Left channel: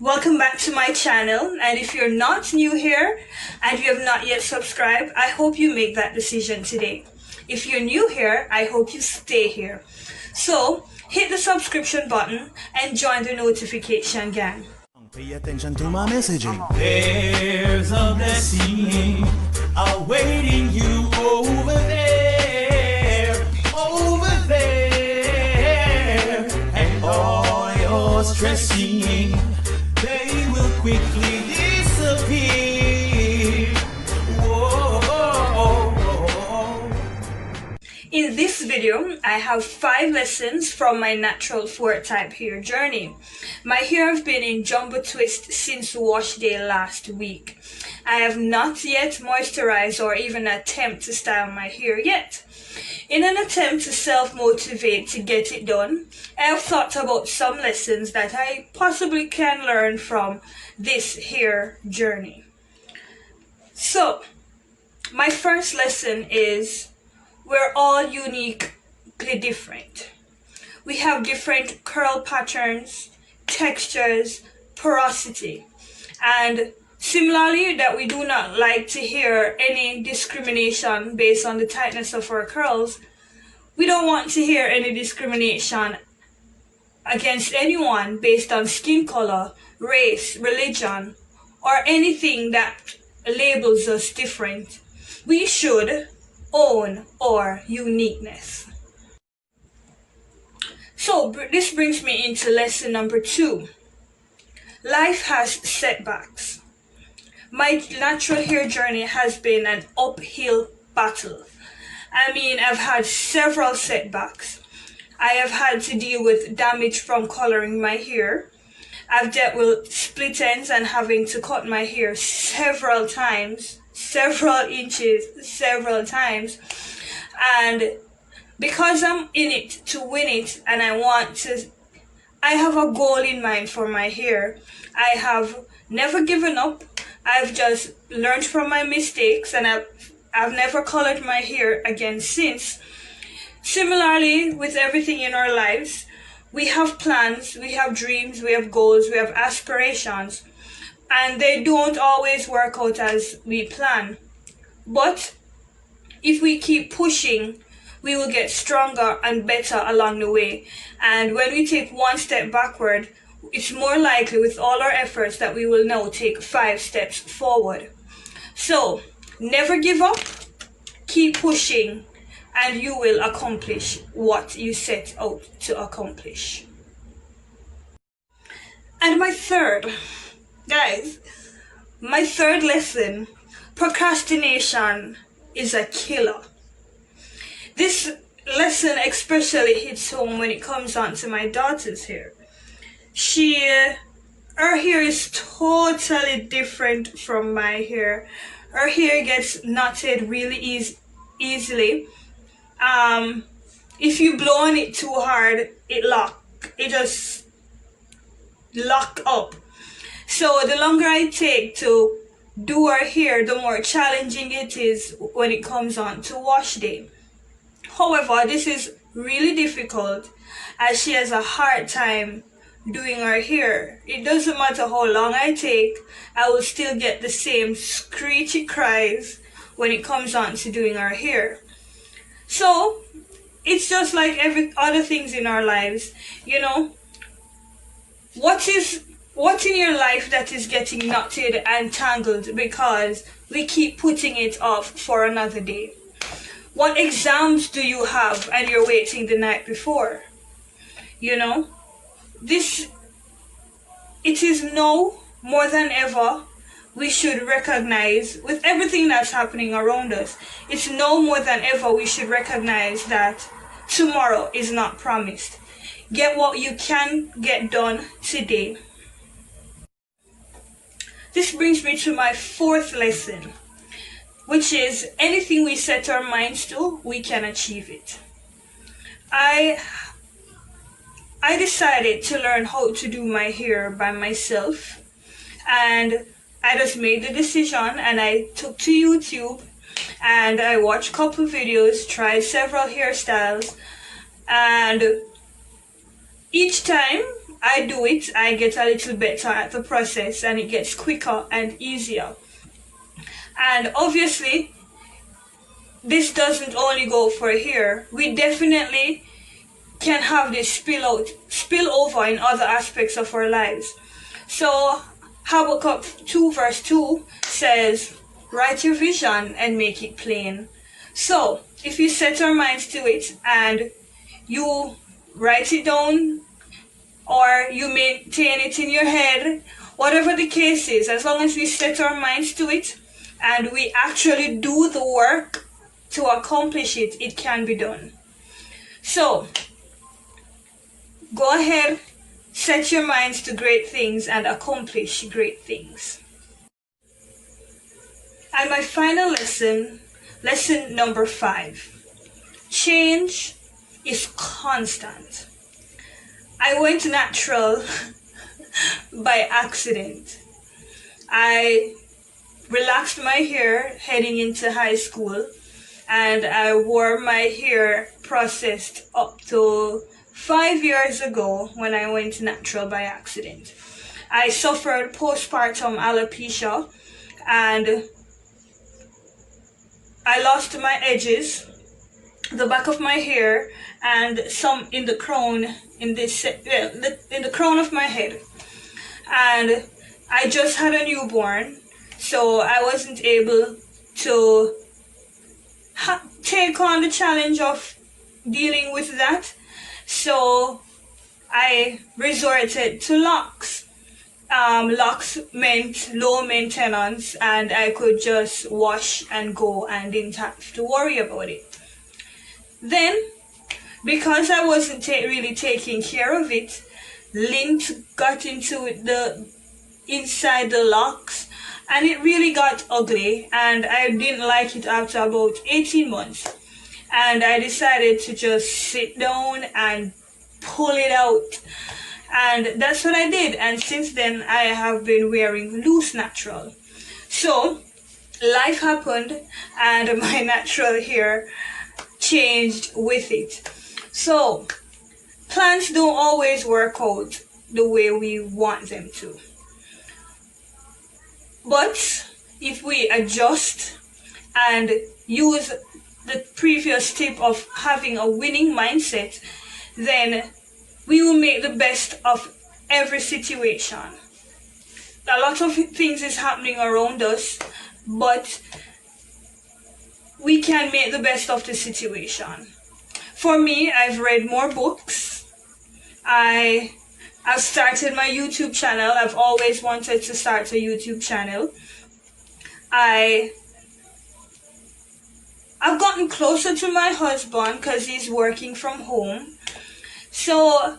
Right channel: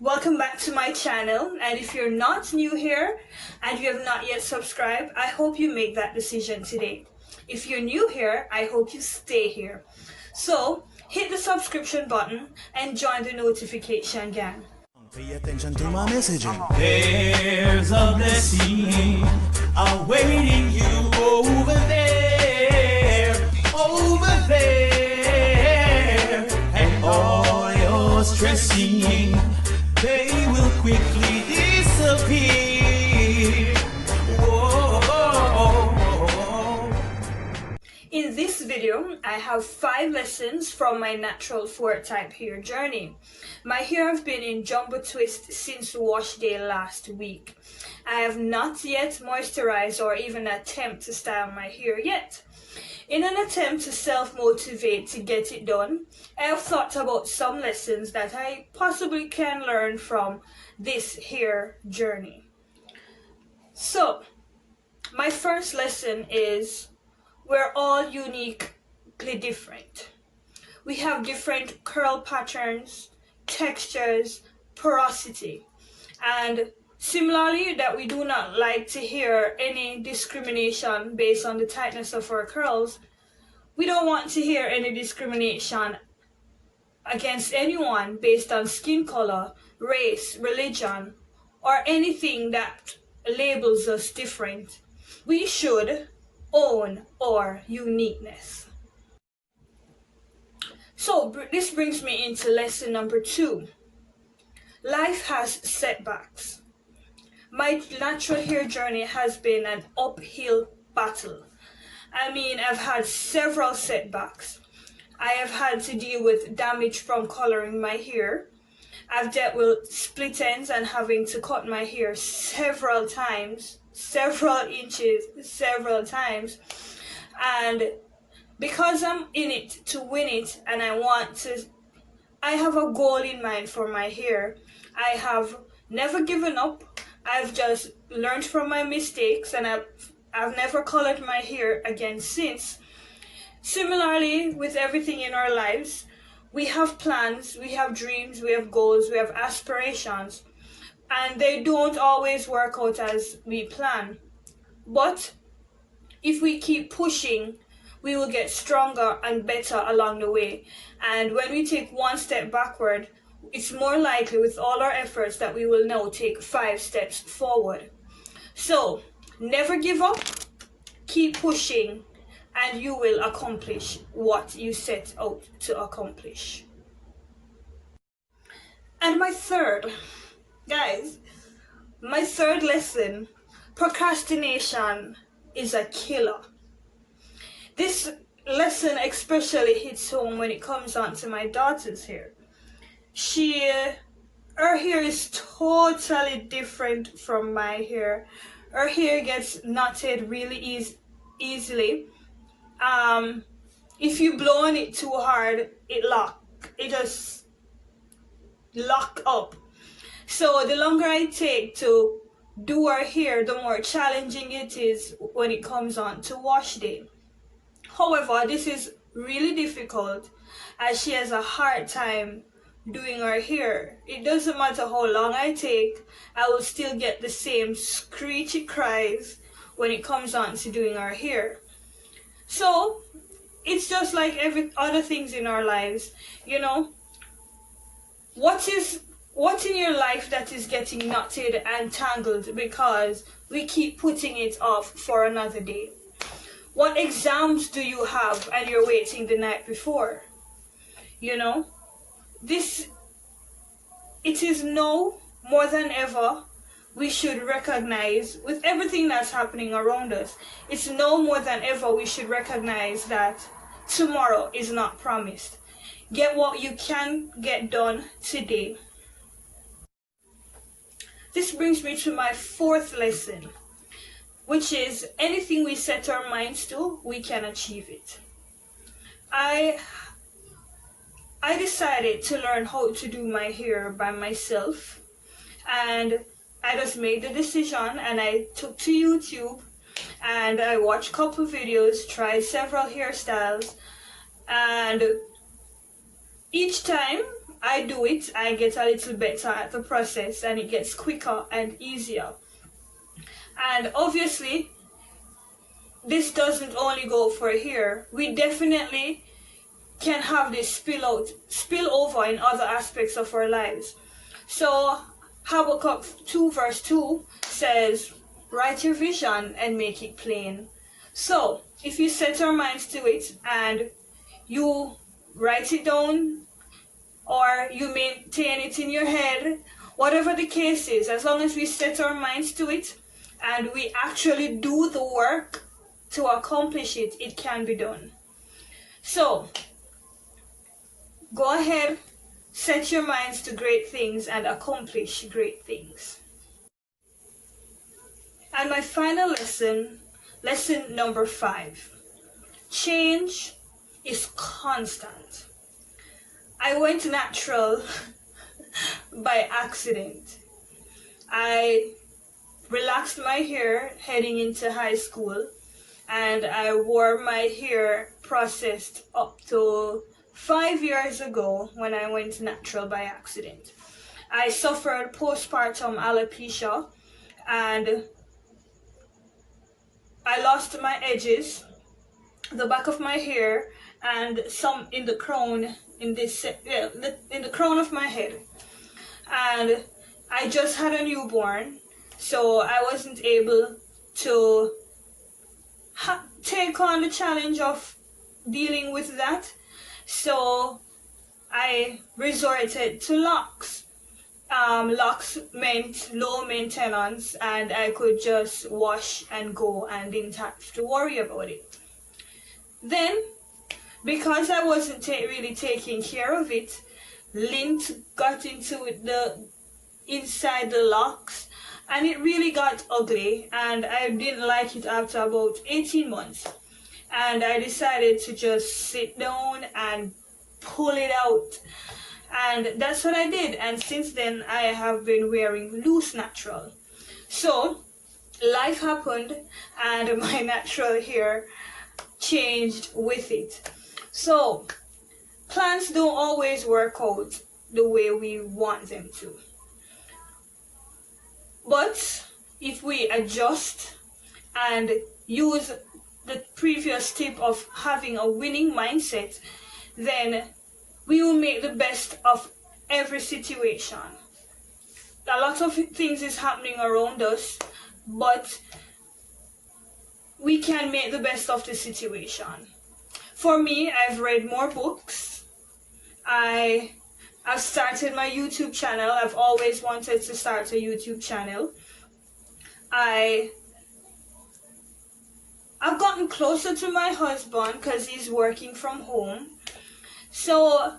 Welcome back to my channel, and if you're not new here and you have not yet subscribed, I hope you make that decision today. If you're new here, I hope you stay here. So hit the subscription button and join the notification gang. Pay attention to my messaging. There's a blessing awaiting you over there, and all your stressing, they will quickly disappear. Whoa. In this video, I have 5 lessons from my natural 4 type hair journey. My hair have been in jumbo twist since wash day last week. I have not yet moisturized or even attempt to style my hair yet. In an attempt to self-motivate to get it done, I have thought about some lessons that I possibly can learn from this hair journey. So, my first lesson is we're all uniquely different. We have different curl patterns, textures, porosity, and similarly that we do not like to hear any discrimination based on the tightness of our curls. We don't want to hear any discrimination against anyone based on skin color, race, religion, or anything that labels us different. We should own our uniqueness. So this brings me into lesson number 2. Life has setbacks. My natural hair journey has been an uphill battle. I mean, I've had several setbacks. I have had to deal with damage from coloring my hair. I've dealt with split ends and having to cut my hair several times, several inches, several times. And because I'm in it to win it and I have a goal in mind for my hair. I have never given up. I've just learned from my mistakes, and I've never colored my hair again since. Similarly, with everything in our lives, we have plans, we have dreams, we have goals, we have aspirations, and they don't always work out as we plan. But if we keep pushing, we will get stronger and better along the way. And when we take one step backward, it's more likely with all our efforts that we will now take 5 steps forward. So never give up, keep pushing, and you will accomplish what you set out to accomplish. And my third lesson, procrastination is a killer. This lesson especially hits home when it comes on to my daughter's hair. Her hair is totally different from my hair. Her hair gets knotted really easily. If you blow on it too hard, it just lock up. So the longer I take to do her hair, the more challenging it is when it comes on to wash day. However, this is really difficult as she has a hard time doing her hair. It doesn't matter how long I take, I will still get the same screechy cries when it comes on to doing her hair. So it's just like every other things in our lives, you know. What's in your life that is getting knotted and tangled because we keep putting it off for another day? What exams do you have and you're waiting the night before? You know, it is now more than ever we should recognize, with everything that's happening around us, it's now more than ever we should recognize that tomorrow is not promised. Get what you can get done today. This brings me to my 4th lesson, which is anything we set our minds to, we can achieve it. I decided to learn how to do my hair by myself, and I just made the decision and I took to YouTube and I watched a couple videos, tried several hairstyles, and each time I do it, I get a little better at the process and it gets quicker and easier. And obviously, this doesn't only go for hair. We definitely can have this spill over in other aspects of our lives. So Habakkuk 2 verse 2 says, write your vision and make it plain. So if you set our minds to it and you write it down or you maintain it in your head, whatever the case is, as long as we set our minds to it and we actually do the work to accomplish it, it can be done. So go ahead, set your minds to great things and accomplish great things. And my final lesson number 5. Change is constant. I went natural by accident. I relaxed my hair heading into high school, and I wore my hair processed up to 5 years ago when I went natural by accident. I suffered postpartum alopecia and I lost my edges, the back of my hair, and some in the crown, in the crown of my head. And I just had a newborn, so I wasn't able to take on the challenge of dealing with that. So I resorted to locks. Locks meant low maintenance and I could just wash and go and didn't have to worry about it. Then, because I wasn't really taking care of it, lint got into inside the locks and it really got ugly and I didn't like it after about 18 months. And I decided to just sit down and pull it out. And that's what I did. And since then, I have been wearing loose natural. So, life happened and my natural hair changed with it. So, plans don't always work out the way we want them to. But if we adjust and use the previous tip of having a winning mindset, then we will make the best of every situation. A lot of things is happening around us, but we can make the best of the situation. For me, I've read more books. I've started my YouTube channel. I've always wanted to start a YouTube channel. I've gotten closer to my husband because he's working from home. So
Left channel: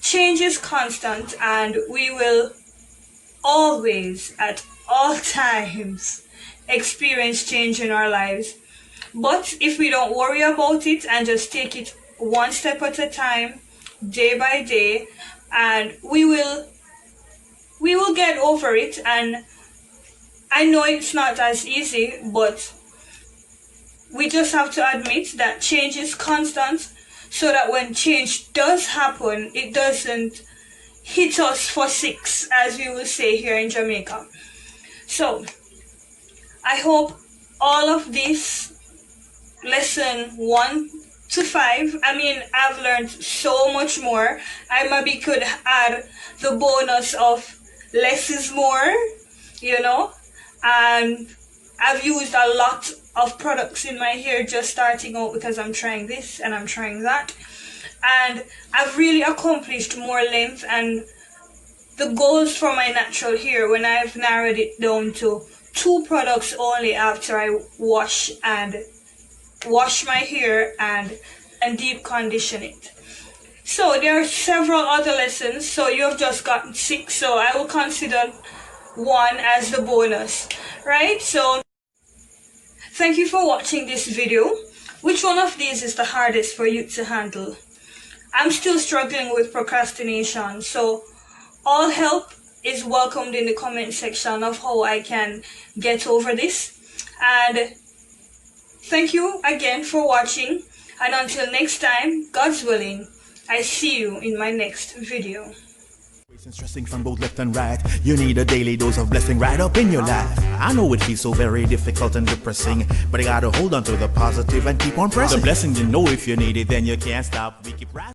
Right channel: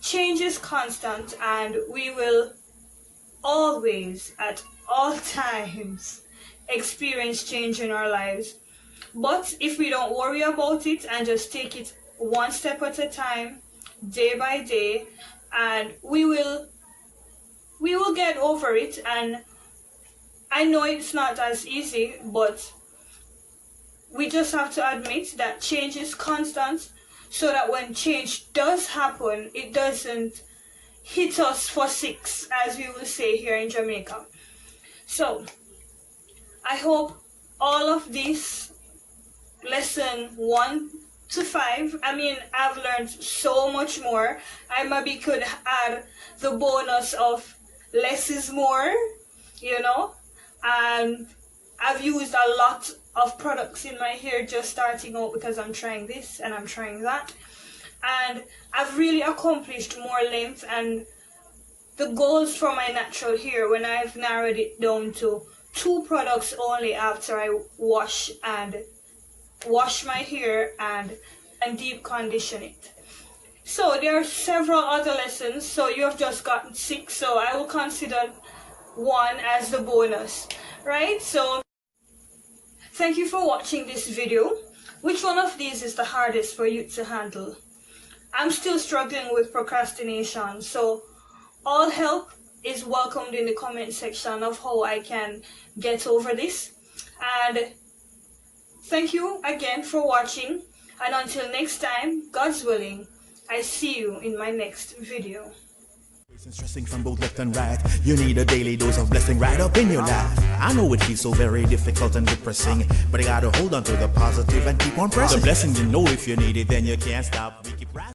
change is constant and we will always, at all times, experience change in our lives. But if we don't worry about it and just take it one step at a time, day by day, and we will get over it. And I know it's not as easy, but we just have to admit that change is constant, so that when change does happen, it doesn't hit us for six, as we will say here in Jamaica. So, I hope all of this, lesson 1 to 5, I've learned so much more. I maybe could add the bonus of less is more, and I've used a lot of products in my hair just starting out because I'm trying this and I'm trying that, and I've really accomplished more length and the goals for my natural hair when I've narrowed it down to 2 products only after I wash my hair and deep condition it. So there are several other lessons, so you have just gotten 6, so I will consider 1 as the bonus, right? So thank you for watching this video. Which one of these is the hardest for you to handle? I'm still struggling with procrastination, so all help is welcomed in the comment section of how I can get over this. And thank you again for watching, and until next time, God's willing, I see you in my next video. And stressing from both left and right. You need a daily dose of blessing right up in your life. I know it feels so very difficult and depressing, but you gotta hold on to the positive and keep on pressing. The blessing, you know, if you need it, then you can't stop. We keep rising.